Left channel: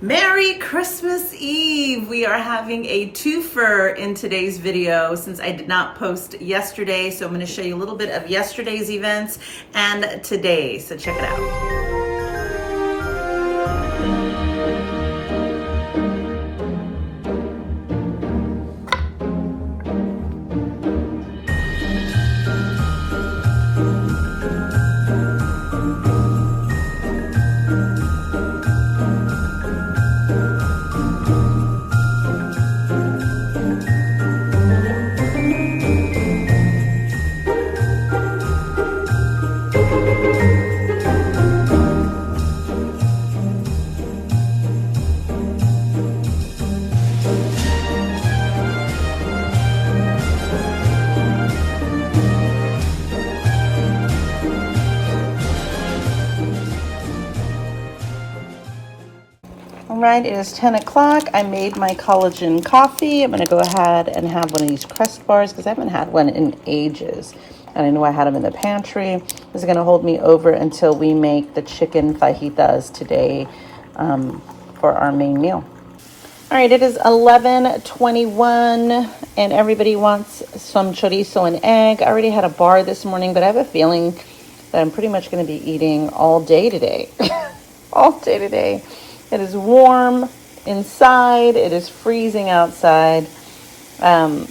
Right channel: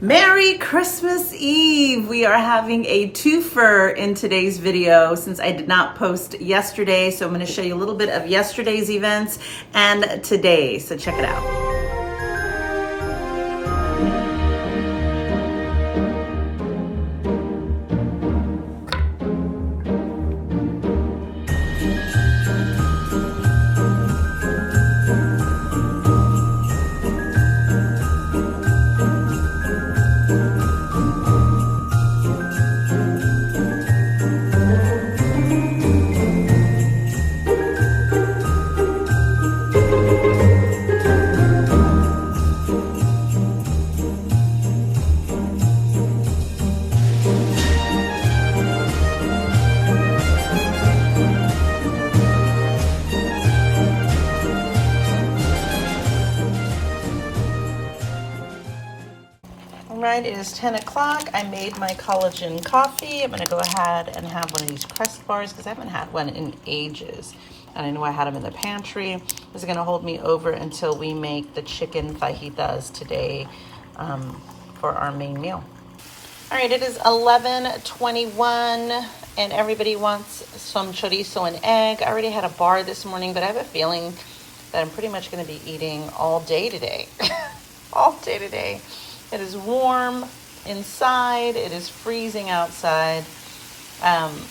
Merry Christmas Eve! We are having a twofer in today's video since I did not post yesterday. So I'm going to show you a little bit of yesterday's events and today. So check it out. Right, it is 10 o'clock. I made my collagen coffee. I'm going to go ahead and have one of these Crest bars because I haven't had one in ages. And I know I had them in the pantry. This is going to hold me over until we make the chicken fajitas today for our main meal. All right, it is 11:21 and everybody wants some chorizo and egg. I already had a bar this morning, but I have a feeling that I'm pretty much going to be eating all day today. All day today. It is warm inside. It is freezing outside. I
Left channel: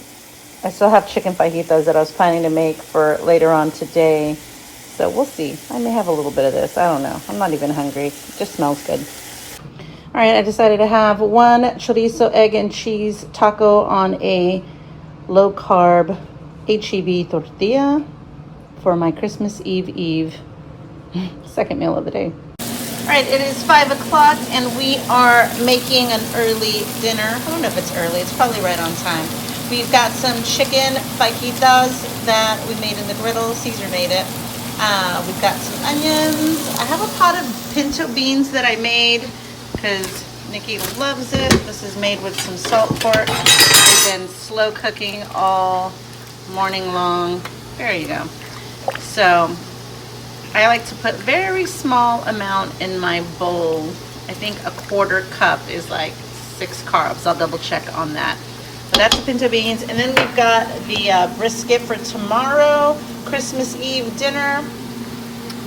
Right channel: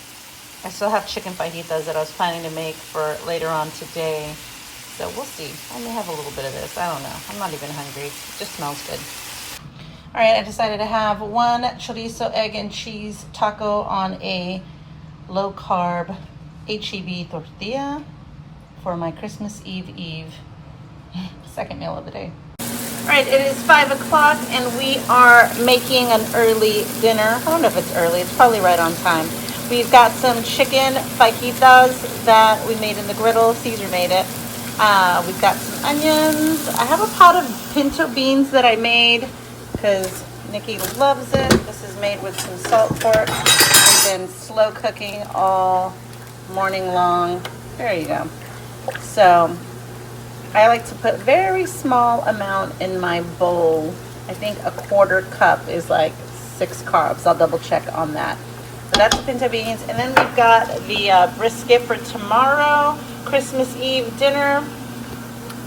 still have chicken fajitas that I was planning to make for later on today. So we'll see. I may have a little bit of this. I don't know. I'm not even hungry. It just smells good. All right, I decided to have one chorizo, egg, and cheese taco on a low-carb HEB tortilla for my Christmas Eve second meal of the day. All right, it is 5 o'clock and we are making an early dinner. I don't know if it's early, it's probably right on time. We've got some chicken fajitas that we made in the griddle. Caesar made it. We've got some onions. I have a pot of pinto beans that I made because Nikki loves it. This is made with some salt pork. They've been slow cooking all morning long. There you go. So I like to put very small amount in my bowl. I think a quarter cup is like 6 carbs. I'll double check on that. So that's the pinto beans. And then we've got the brisket for tomorrow, Christmas Eve dinner,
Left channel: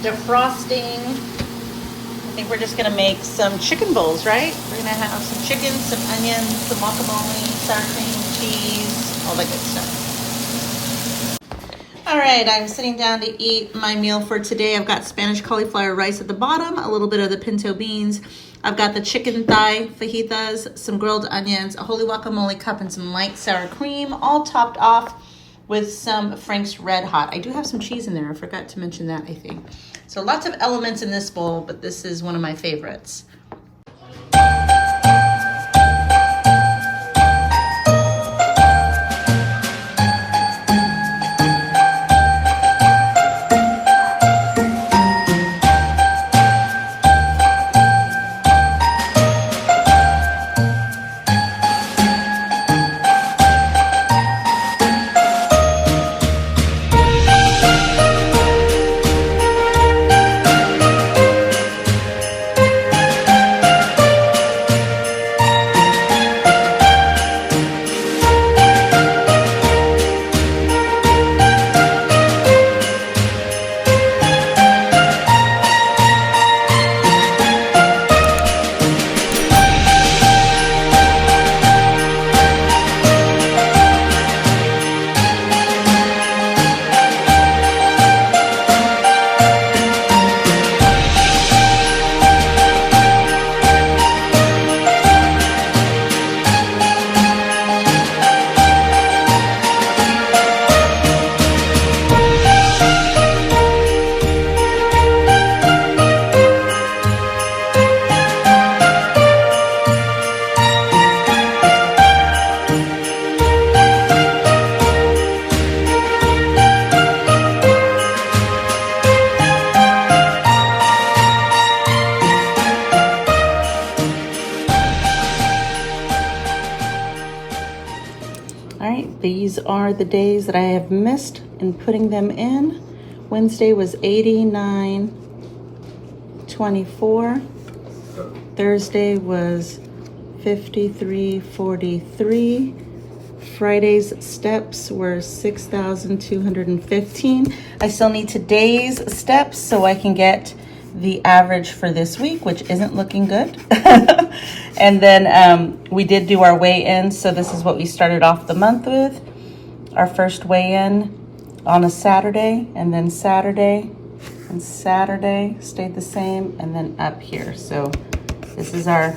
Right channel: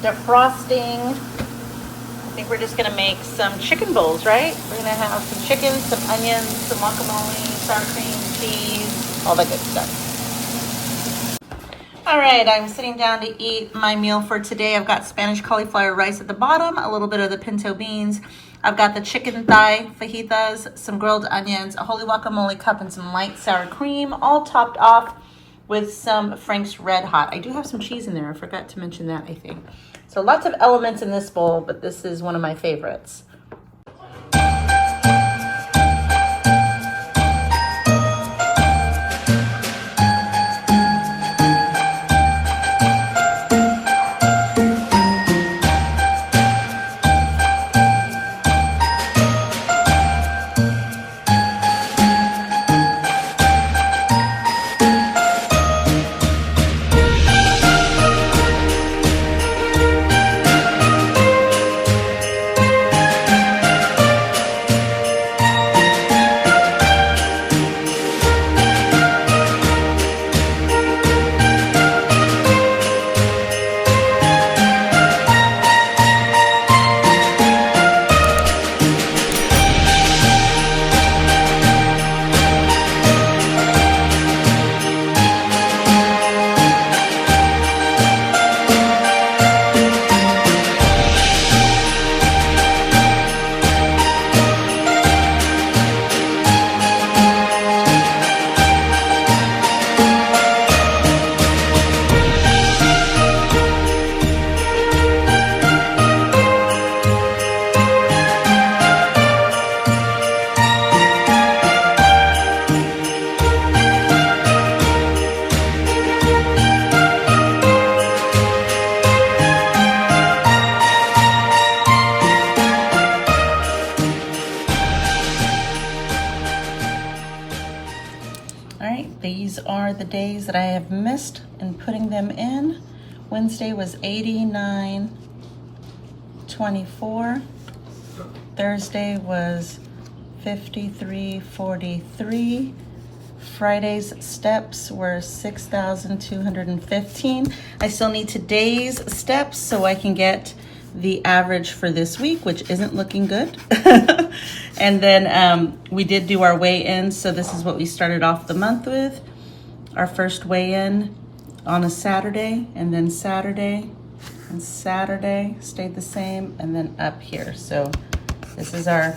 defrosting. I think we're just gonna make some chicken bowls, right? We're gonna have some chicken, some onions, some guacamole, sour cream, cheese, all that good stuff. All right, I'm sitting down to eat my meal for today. I've got Spanish cauliflower rice at the bottom, a little bit of the pinto beans. I've got the chicken thigh fajitas, some grilled onions, a holy guacamole cup, and some light sour cream, all topped off with some Frank's Red Hot. I do have some cheese in there. I forgot to mention that, I think. So lots of elements in this bowl, but this is one of my favorites. These are the days that I have missed in putting them in. Wednesday was 89.24. Thursday was 53.43. Friday's steps were 6,215. I still need today's steps so I can get the average for this week, which isn't looking good. And then we did do our weigh-in, so this is what we started off the month with. Our first weigh-in on a Saturday, and then Saturday and Saturday stayed the same, and then up here. So this is our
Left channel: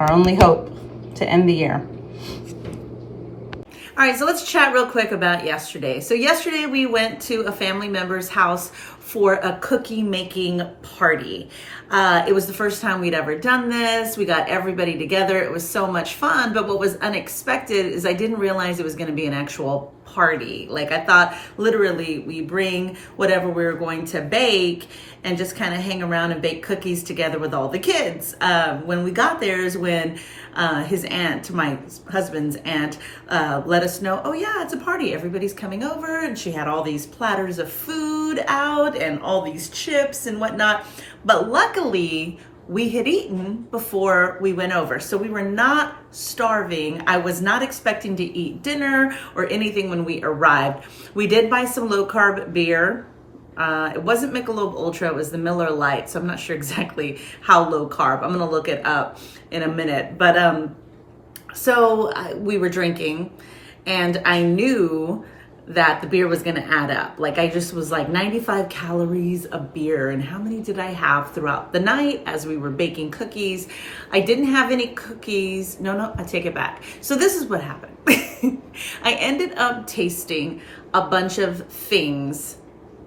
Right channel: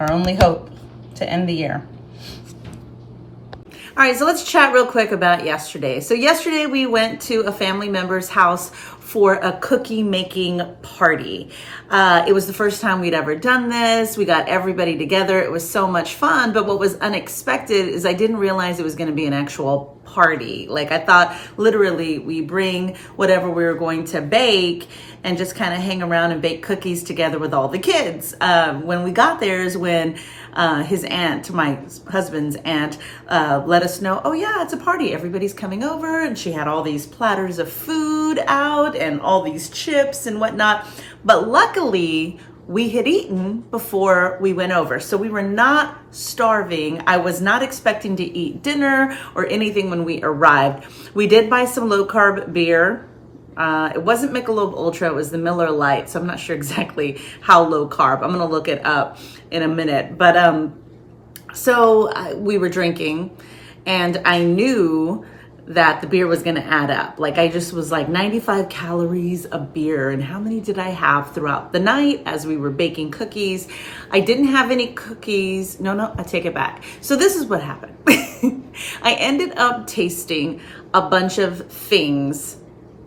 only hope to end the year. All right, so let's chat real quick about yesterday. So yesterday we went to a family member's house for a cookie making party. It was the first time we'd ever done this. We got everybody together. It was so much fun, but what was unexpected is I didn't realize it was gonna be an actual party. Like, I thought literally we bring whatever we were going to bake and just kind of hang around and bake cookies together with all the kids. When we got there is when his aunt, my husband's aunt, let us know, oh yeah, it's a party. Everybody's coming over, and she had all these platters of food out and all these chips and whatnot. But luckily, we had eaten before we went over. So we were not starving. I was not expecting to eat dinner or anything when we arrived. We did buy some low carb beer. It wasn't Michelob Ultra, it was the Miller Lite. So I'm not sure exactly how low carb. I'm gonna look it up in a minute. But we were drinking, and I knew that the beer was gonna add up. Like, I just was like 95 calories of beer, and how many did I have throughout the night as we were baking cookies? I didn't have any cookies. No, I take it back. So this is what happened. I ended up tasting a bunch of things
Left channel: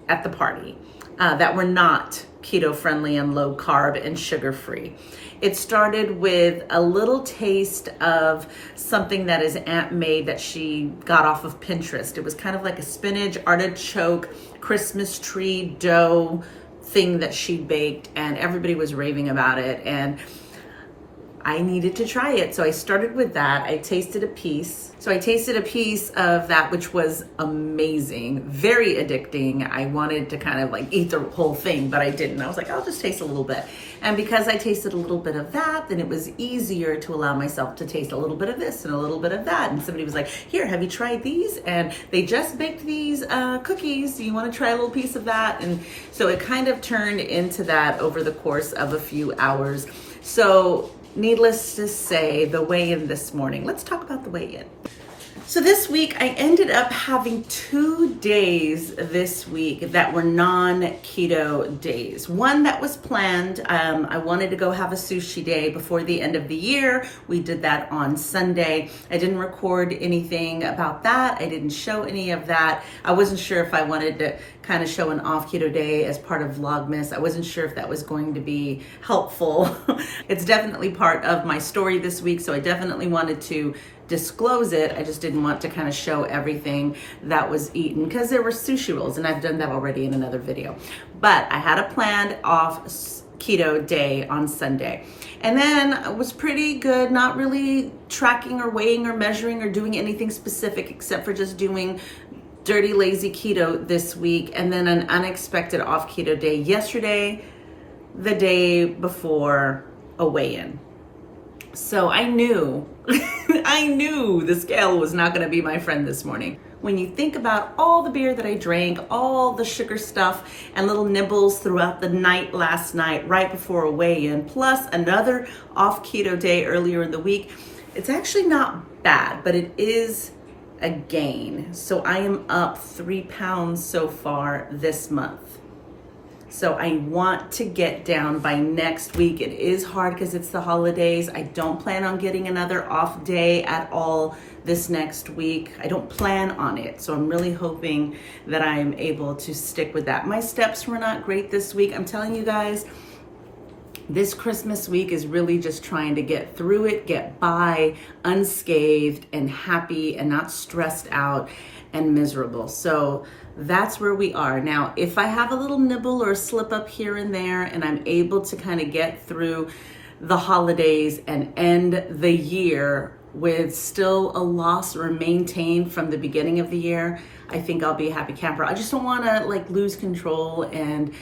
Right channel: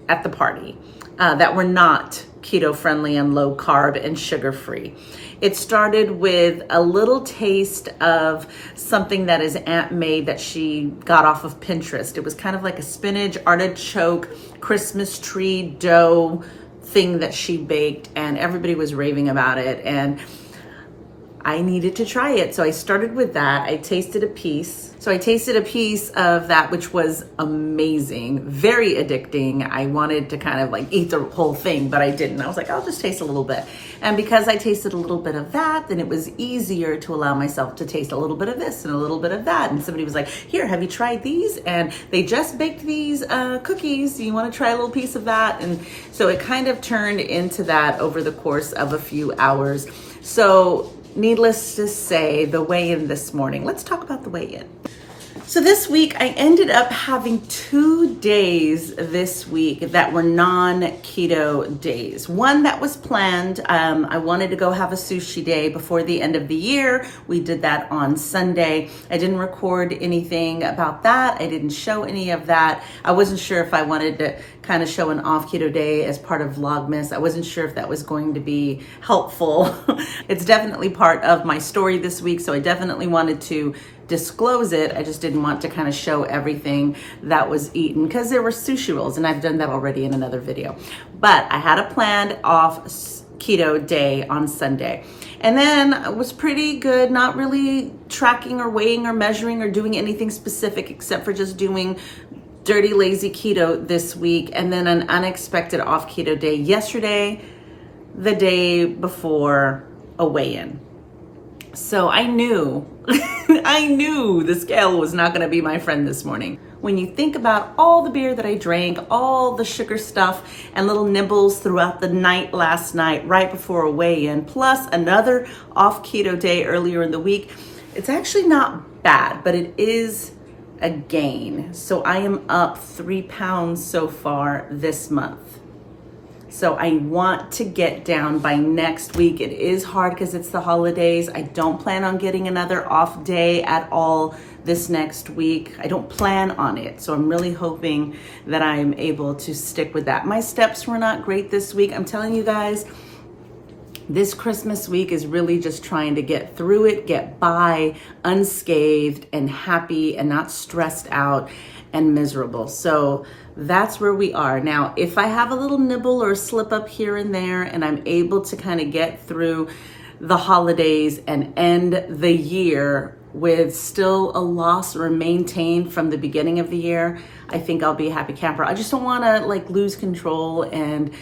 at the party that were not keto friendly and low carb and sugar free. It started with a little taste of something that his aunt made that she got off of Pinterest. It was kind of like a spinach artichoke Christmas tree dough thing that she baked, and everybody was raving about it, and I needed to try it. So I started with that. I tasted a piece. So I tasted a piece of that, which was amazing, very addicting. I wanted to kind of like eat the whole thing, but I didn't. I was like, I'll just taste a little bit. And because I tasted a little bit of that, then it was easier to allow myself to taste a little bit of this and a little bit of that. And somebody was like, here, have you tried these? And they just baked these cookies. Do you want to try a little piece of that? And so it kind of turned into that over the course of a few hours. So needless to say, the weigh-in this morning. Let's talk about the weigh-in. So this week, I ended up having 2 days this week that were non-keto days. One that was planned. I wanted to go have a sushi day before the end of the year. We did that on Sunday. I didn't record anything about that. I didn't show any of that. I wasn't sure if I wanted to kind of show an off keto day as part of Vlogmas. I wasn't sure if that was going to be helpful. It's definitely part of my story this week, so I definitely wanted to disclose it. I just didn't want to kind of show everything that was eaten because there were sushi rolls, and I've done that already in another video. But I had a planned off keto day on Sunday, and then it was pretty good, not really tracking or weighing or measuring or doing anything specific except for just doing dirty lazy keto this week, and then an unexpected off keto day yesterday, the day before a weigh-in. So I knew, I knew the scale was not gonna be my friend this morning. When you think about all the beer that I drank, all the sugar stuff and little nibbles throughout the night last night, right before a weigh-in, plus another off keto day earlier in the week, it's actually not bad, but it is a gain. So I am up 3 pounds so far this month. So I want to get down by next week. It is hard because it's the holidays. I don't plan on getting another off day at all this next week. I don't plan on it. So I'm really hoping that I am able to stick with that. My steps were not great this week. I'm telling you guys, this Christmas week is really just trying to get through it, get by unscathed and happy and not stressed out and miserable. So that's where we are. Now, if I have a little nibble or a slip up here and there and I'm able to kind of get through the holidays and end the year with still a loss or maintained from the beginning of the year, I think I'll be a happy camper. I just don't want to like lose control and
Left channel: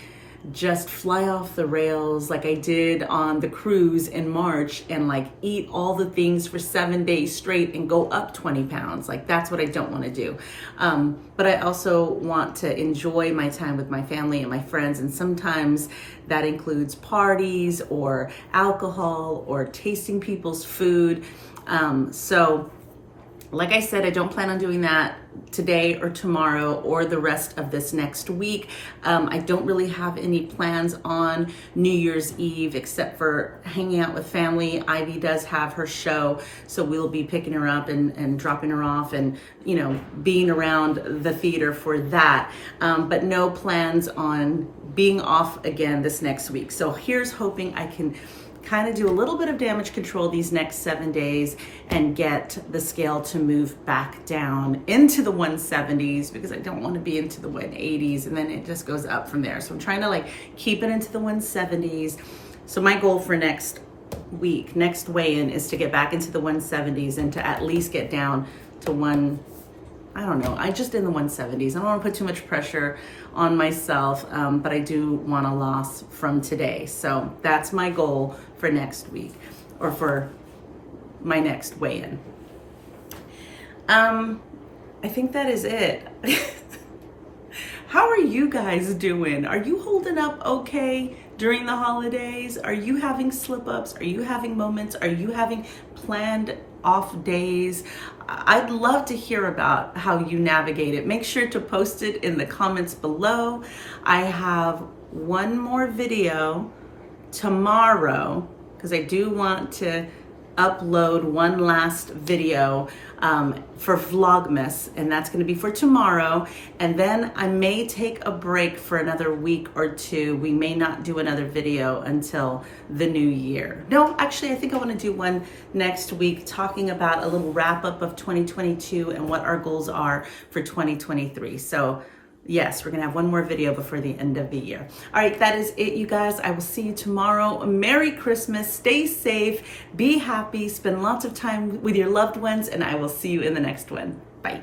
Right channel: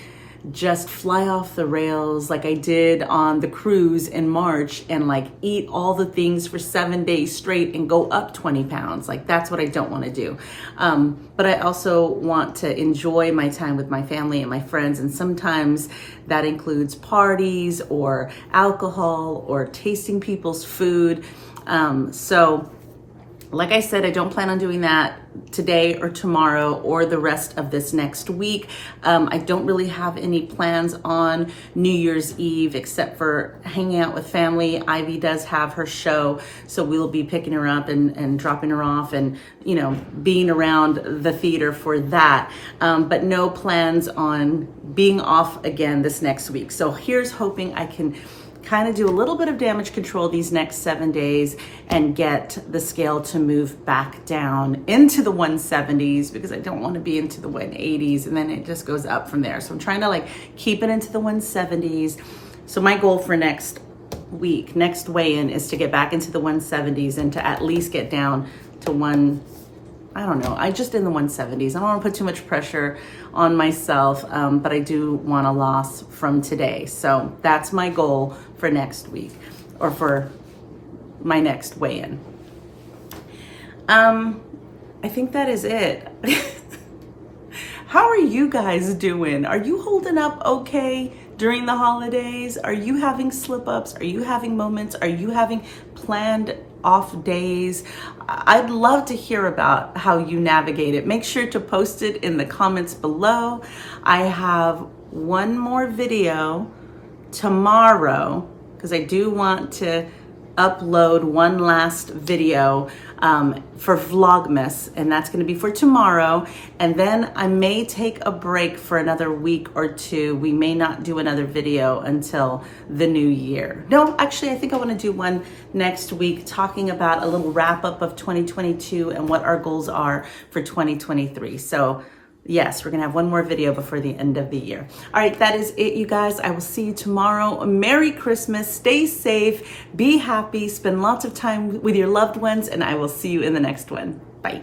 just fly off the rails like I did on the cruise in March and like eat all the things for 7 days straight and go up 20 pounds. Like that's what I don't want to do. But I also want to enjoy my time with my family and my friends. And sometimes that includes parties or alcohol or tasting people's food. So like I said, I don't plan on doing that today or tomorrow or the rest of this next week. I don't really have any plans on New Year's Eve except for hanging out with family. Ivy does have her show, so we'll be picking her up and dropping her off and, you know, being around the theater for that. But no plans on being off again this next week. So here's hoping I can kind of do a little bit of damage control these next 7 days and get the scale to move back down into the 170s, because I don't want to be into the 180s and then it just goes up from there. So I'm trying to like keep it into the 170s. So my goal for next week, next weigh-in, is to get back into the 170s and to at least get down to I don't know, I just in the 170s. I don't want to put too much pressure on myself, but I do want a loss from today. So that's my goal for next week, or for my next weigh-in. I think that is it. How are you guys doing? Are you holding up okay during the holidays? Are you having slip-ups? Are you having moments? Are you having planned off days? I'd love to hear about how you navigate it. Make sure to post it in the comments below. I have one more video tomorrow because I do want to upload one last video for Vlogmas, and that's going to be for tomorrow. And then I may take a break for another week or two. We may not do another video until the new year. No, actually, I think I want to do one next week talking about a little wrap up of 2022 and what our goals are for 2023. So yes, we're gonna have one more video before the end of the year. All right, that is it, you guys. I will see you tomorrow. Merry Christmas, stay safe, be happy, spend lots of time with your loved ones, and I will see you in the next one. Bye.